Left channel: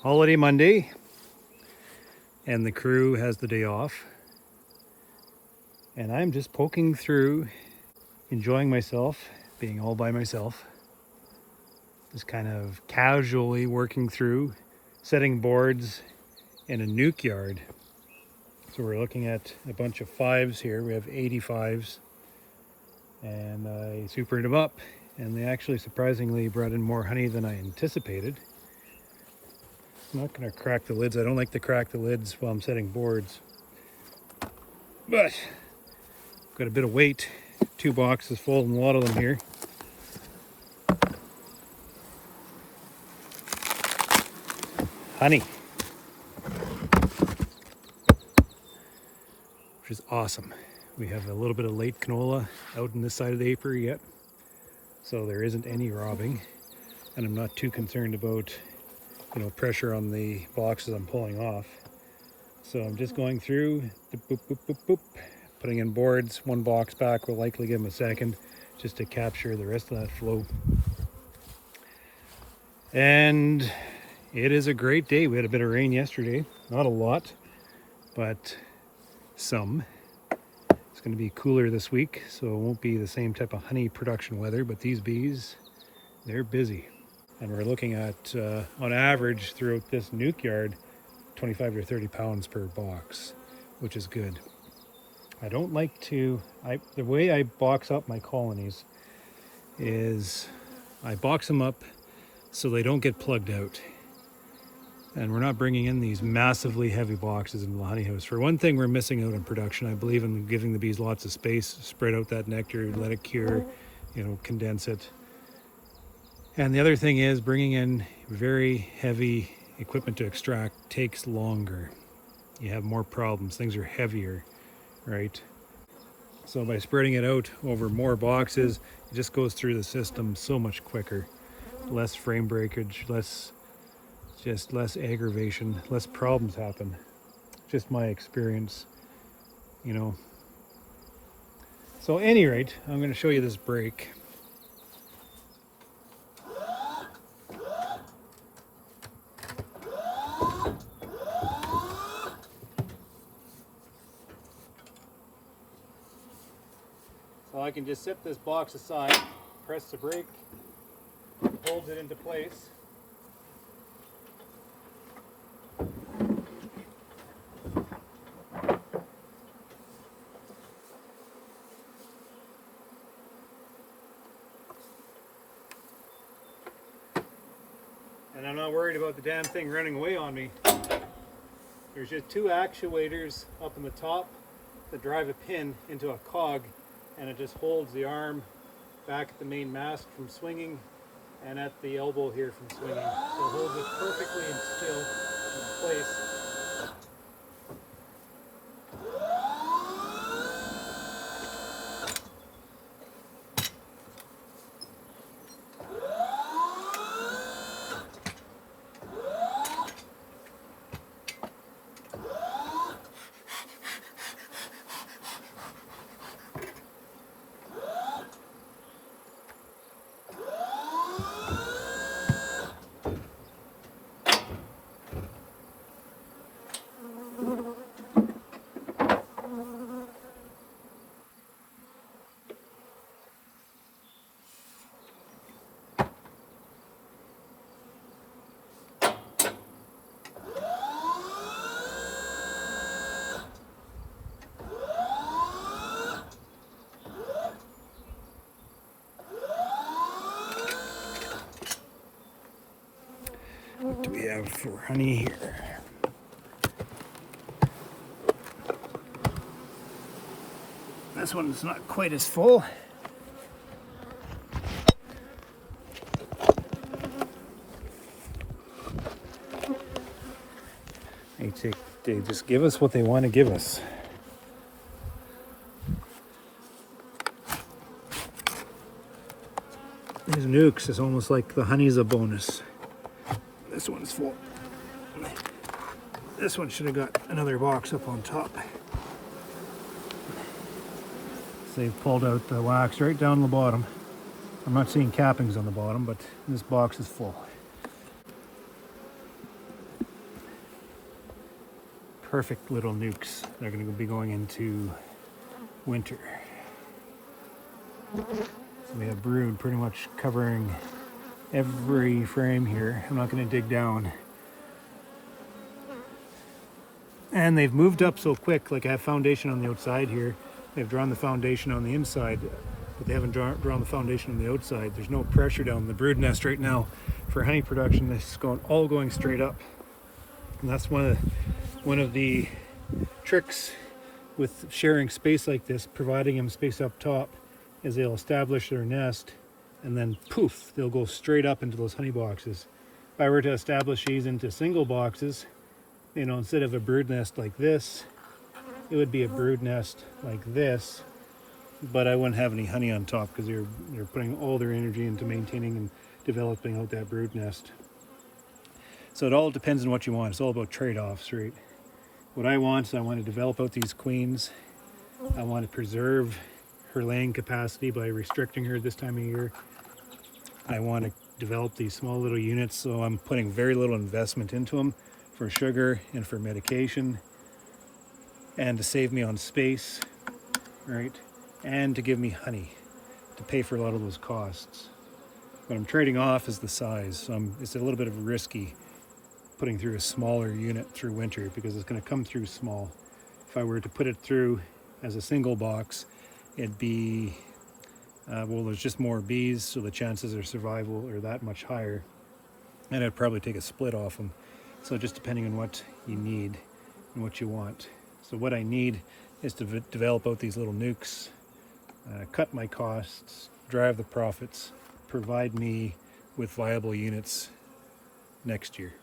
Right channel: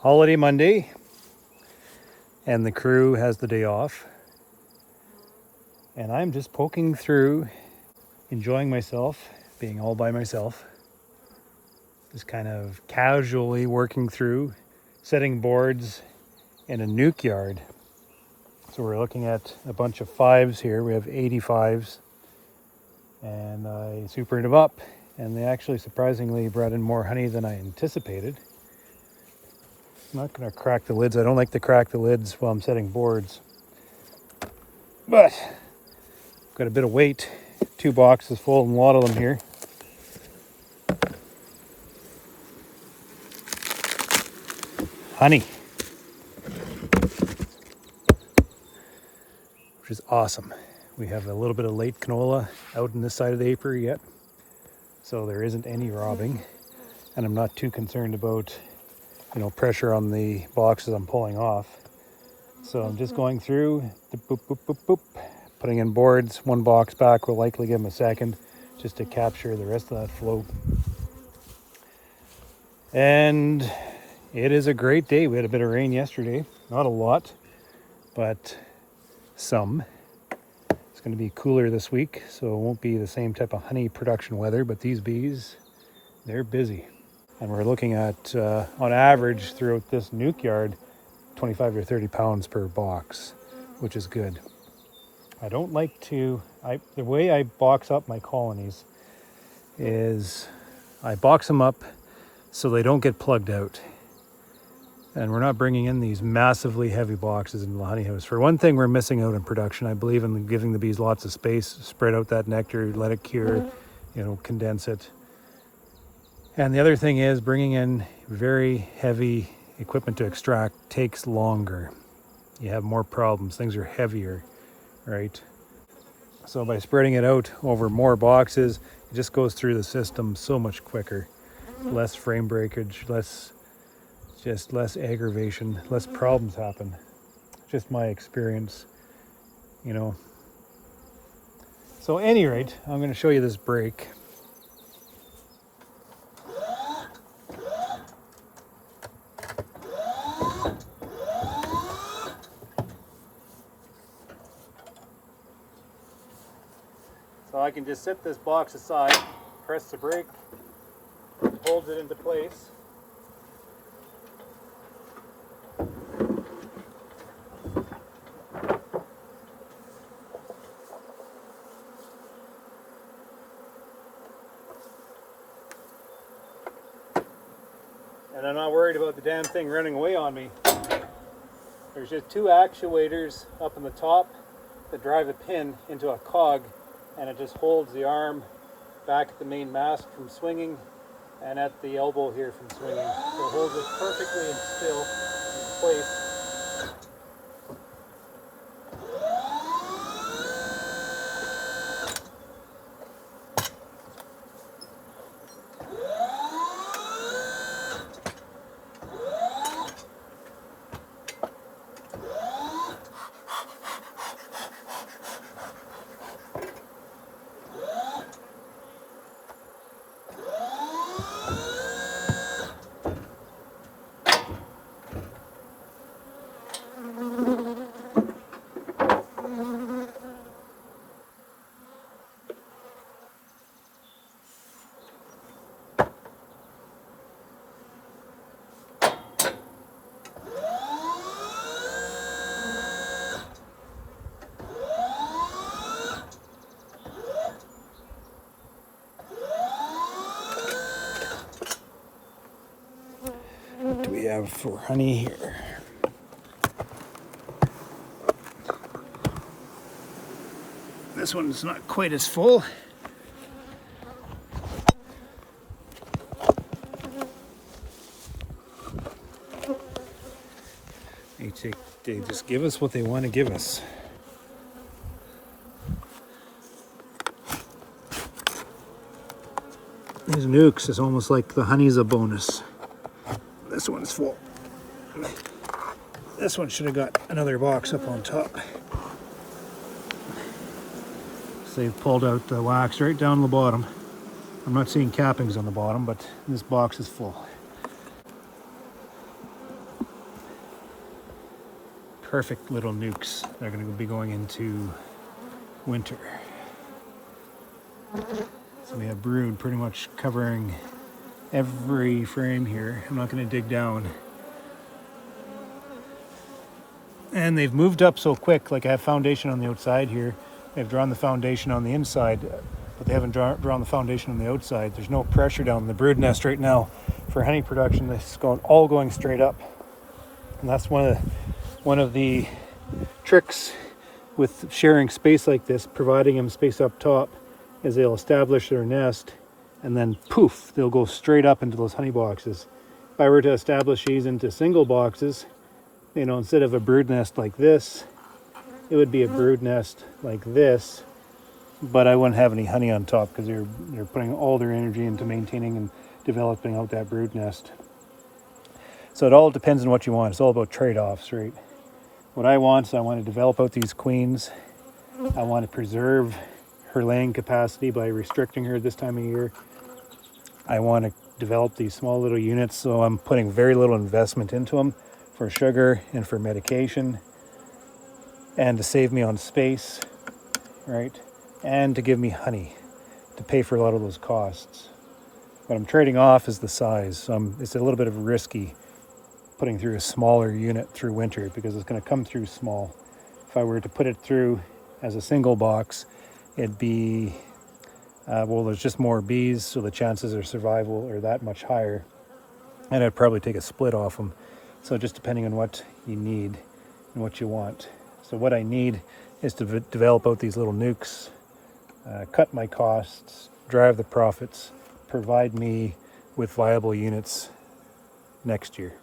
Holiday Monday, and the crew has the day off. And I'm just poking through, enjoying myself, being all by myself. Just kind of casually working through, setting boards in a nuke yard. So we're looking at a bunch of 5s here. We have 85s. And I supered them up, and they actually surprisingly brought in more honey than I anticipated. I'm not going to crack the lids. I don't like to crack the lids while I'm setting boards. But got a bit of weight. 2 boxes full and a lot of them here. Honey. Which is awesome. We have a little bit of late canola out in this side of the apiary yet. So there isn't any robbing. And I'm not too concerned about, pressure on the boxes I'm pulling off. So I'm just going through, boop, boop, boop, boop, putting in boards. 1 box back, will likely give them a second just to capture the rest of that flow. And it is a great day. We had a bit of rain yesterday, not a lot, but some. It's going to be cooler this week, so it won't be the same type of honey production weather, but these bees, they're busy. And we're looking at, on average throughout this nuke yard, 25 to 30 pounds per box, which is good. I don't like to, the way I box up my colonies is I box them up so they don't get plugged out. And we're not bringing in these massively heavy boxes into the honey house. For one thing, we're missing out in production. I believe in giving the bees lots of space, spread out that nectar, let it cure, condense it. And the other thing is bringing in very heavy equipment to extract takes longer. You have more problems. Things are heavier, right? So by spreading it out over more boxes, it just goes through the system so much quicker. Less frame breakage, less aggravation, less problems happen. Just my experience, So at any rate, I'm going to show you this break. So I can just set this box aside, press the brake, holds it into place. And I'm not worried about the damn thing running away on me. There's just 2 actuators up in the top that drive a pin into a cog, and it just holds the arm back at the main mast from swinging and at the elbow here from swinging. So it holds it perfectly and still in place. What do we have for honey here? This one's not quite as full. They just give us what they want to give us. These nukes is almost like the honey's a bonus. This one's full. This one should have got another box up on top. So they've pulled out the wax right down the bottom. I'm not seeing cappings on the bottom, but this box is full. perfect little nukes. They're going to be going into winter. So we have brood pretty much covering every frame here. I'm not going to dig down. And they've moved up so quick, like I have foundation on the outside here. They've drawn the foundation on the inside, but they haven't drawn the foundation on the outside. There's no pressure down in the brood nest right now for honey production. It's all going straight up. And that's one of the tricks with sharing space like this, providing them space up top, is they'll establish their nest and then poof, they'll go straight up into those honey boxes. If I were to establish these into single boxes, instead of a brood nest like this, it would be a brood nest like this, but I wouldn't have any honey on top because they're putting all their energy into maintaining and developing out that brood nest. So it all depends on what you want. It's all about trade-offs, right? What I want is I want to develop out these queens. I want to preserve her laying capacity by restricting her this time of year. I want to develop these small little units, so I'm putting very little investment into them for sugar and for medication, and to save me on space, right? And to give me honey to pay for a lot of those costs. What I'm trading off is the size. So it's a little bit of risky putting through a smaller unit through winter because it's going to come through small. If I were to put it through as a single box, it'd be, there's just more bees, so the chances of survival are that much higher. And I'd probably take a split off them. So just depending on what you need and what you want. So what I need is to develop out these little nukes, cut my costs, drive the profits, provide me with viable units next year.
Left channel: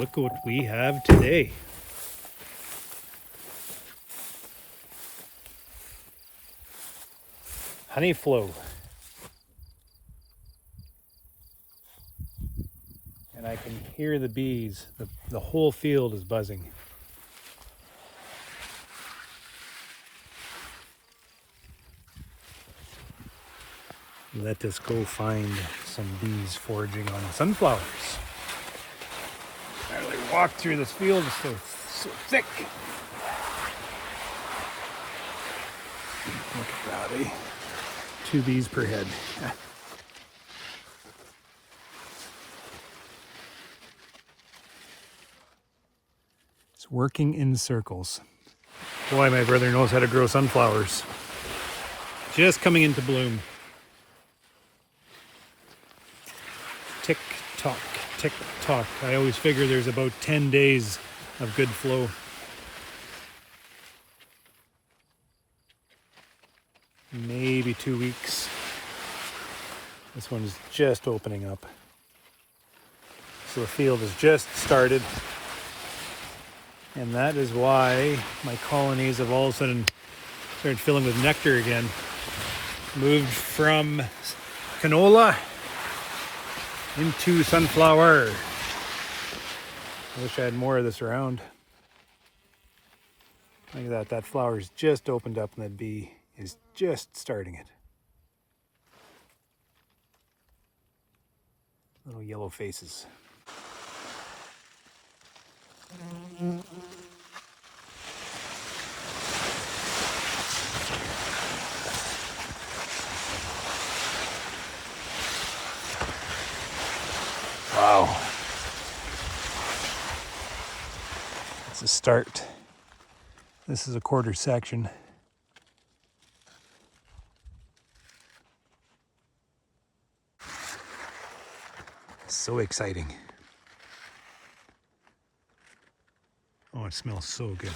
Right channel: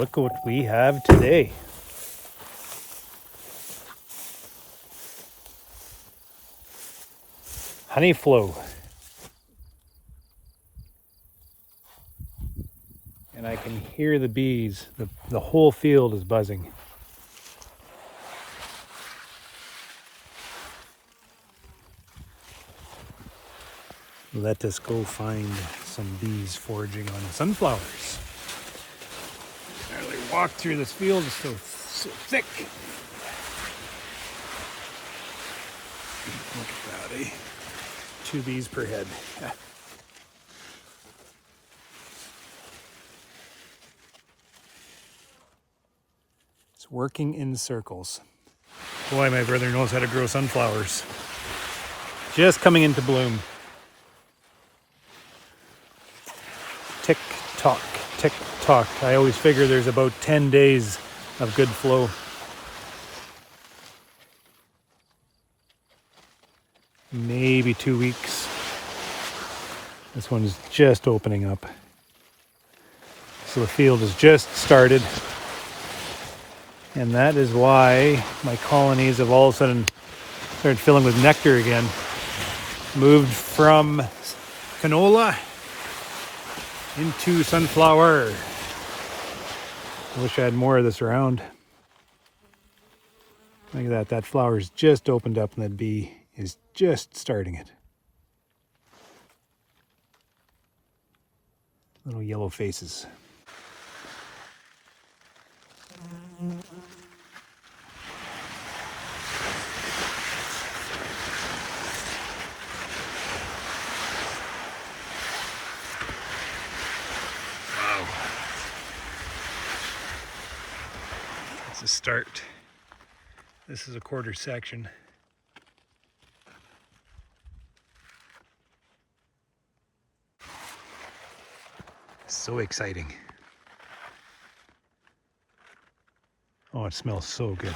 look what we have today. Honey flow. And I can hear the bees. The whole field is buzzing. Let us go find some bees foraging on sunflowers. I really walk through this field, it's so thick. Look at that, eh? 2 bees per head. It's working in circles. Boy, my brother knows how to grow sunflowers. Just coming into bloom. Tick tock, tick tock. I always figure there's about 10 days of good flow. Maybe 2 weeks. This one's just opening up. So the field has just started. And that is why my colonies have all of a sudden started filling with nectar again. Moved from canola into sunflower. I wish I had more of this around. Look at that. That flower's just opened up and that bee is just starting it. Little yellow faces. Wow. It's a start. This is a quarter section. So exciting. Oh, it smells so good.